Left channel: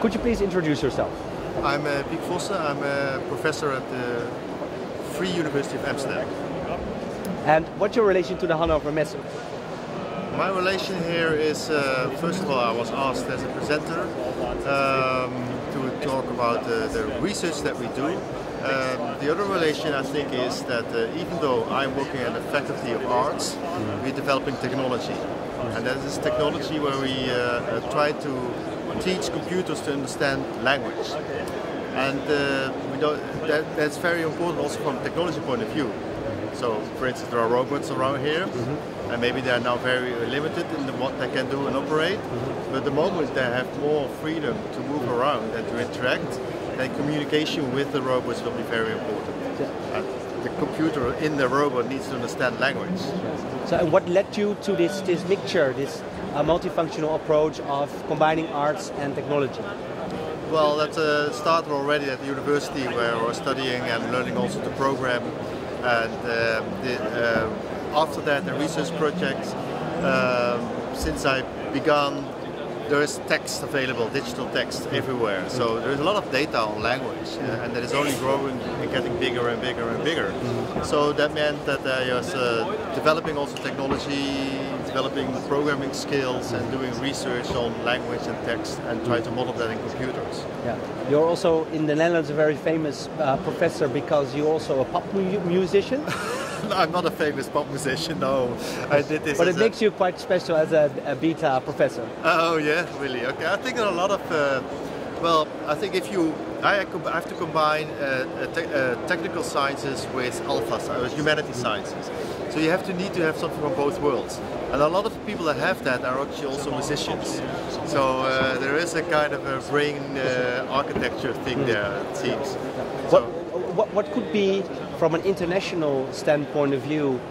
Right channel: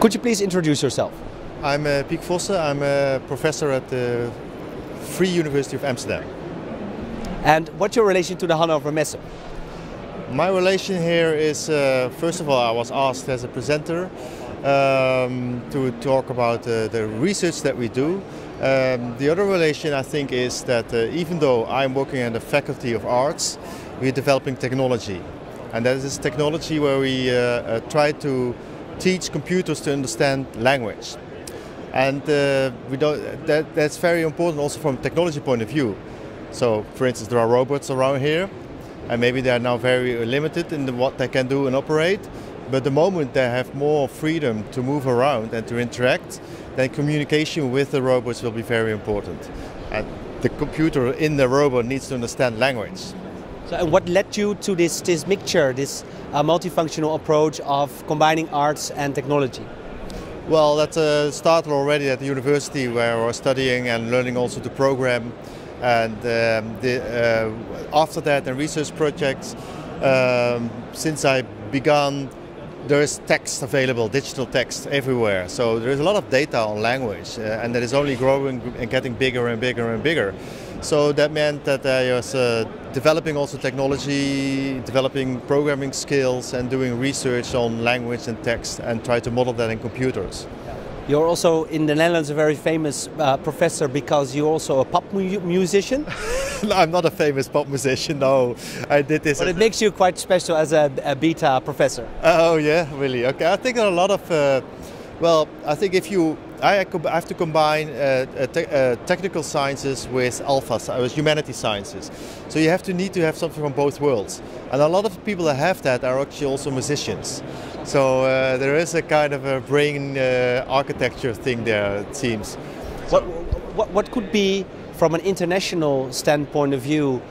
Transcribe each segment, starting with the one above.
Could you please introduce yourself? I'm Piek Vossen. I'm a professor at the Free University of Amsterdam. And what's your relation to the Hannover Messe? My relation here is, first of all, I was asked as a presenter to talk about the research that we do. The other relation, I think, is that even though I'm working at the Faculty of Arts, we're developing technology. And that is technology where we try to teach computers to understand language. And that's very important also from a technology point of view. So, for instance, there are robots around here, and maybe they are now very limited in what they can do and operate. But the moment they have more freedom to move around and to interact, then communication with the robots will be very important. And the computer in the robot needs to understand language. So, and what led you to this mixture, this multifunctional approach of combining arts and technology? Well, that started already at the university where I was studying and learning also to program. And after that, the research projects, since I began, there is text available, digital text everywhere. So there is a lot of data on language, and that is only growing and getting bigger and bigger and bigger. So that meant that I was developing also technology, developing programming skills, and doing research on language and text, and try to model that in computers. Yeah. You're also in the Netherlands a very famous professor because you're also a pop musician. No, I'm not a famous pop musician. No, I did this. But it makes you quite special as a beta professor. Oh yeah, really? Okay, I think there are a lot of. Well, I think if I have to combine technical sciences with humanity sciences. So you need to have something from both worlds. And a lot of people that have that are actually also musicians. So there is a kind of a brain architecture thing there, it seems. What could be, from an international standpoint of view,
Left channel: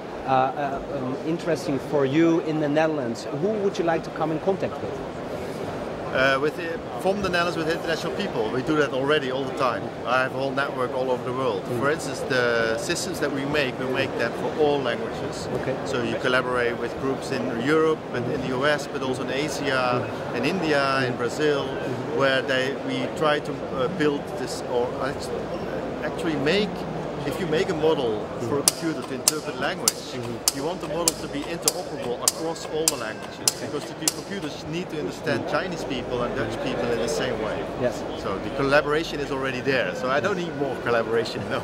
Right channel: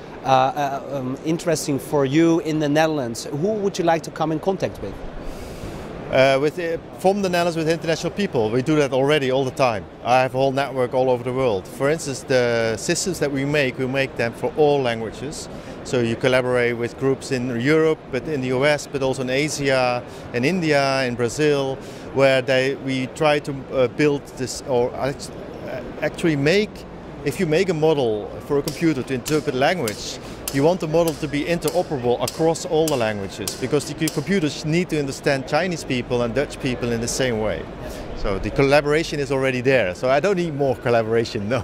interesting for you in the Netherlands? Who would you like to come in contact with? From the Netherlands with international people, we do that already all the time. I have a whole network all over the world. For instance, the systems that we make them for all languages. Okay. So you collaborate with groups in Europe, but in the US, but also in Asia, in India, in Brazil, where we try to build this, or actually make. If you make a model for a computer to interpret language, you want the model to be interoperable across all the languages, because the computers need to understand Chinese people and Dutch people in the same way. Yeah. So the collaboration is already there, so I don't need more collaboration, no.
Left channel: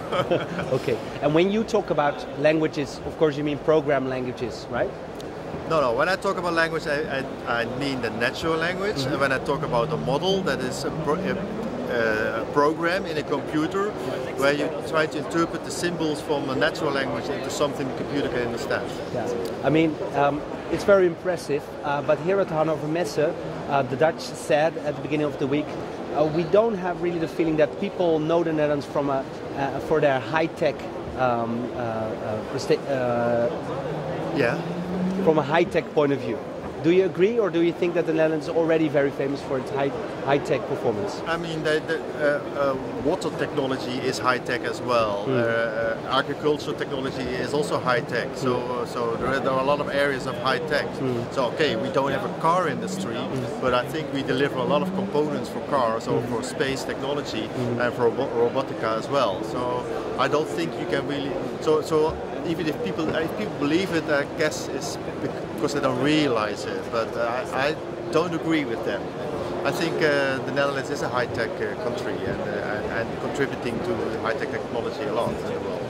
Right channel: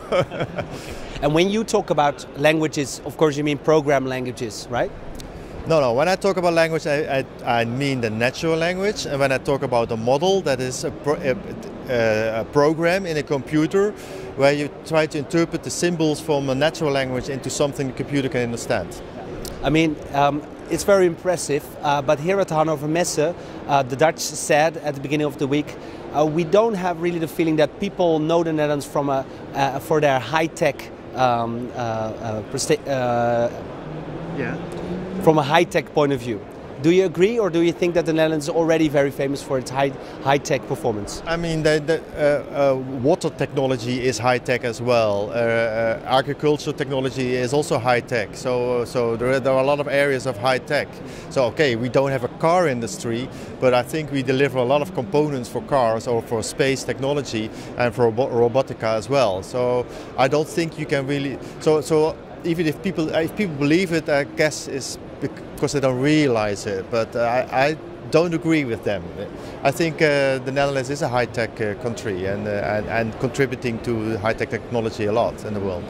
Okay. And when you talk about languages, of course you mean program languages, right? No. When I talk about language, I mean the natural language, and when I talk about a model, that is a program in a computer where you try to interpret the symbols from a natural language into something the computer can understand. I mean, it's very impressive, but here at Hannover Messe, the Dutch said at the beginning of the week, we don't have really the feeling that people know the Netherlands for their high-tech from a high-tech point of view. Do you agree, or do you think that the Netherlands is already very famous for its high-tech performance? I mean, water technology is high-tech as well. Agriculture technology is also high-tech. So there are a lot of areas of high-tech. So okay, we don't have a car industry, but I think we deliver a lot of components for cars or for space technology and for robotica as well. So I don't think you can really. So even if people believe it, I guess it's because they don't realize it. But I don't agree with them. I think the Netherlands is a high-tech country and contributing to high-tech technology a lot in the world.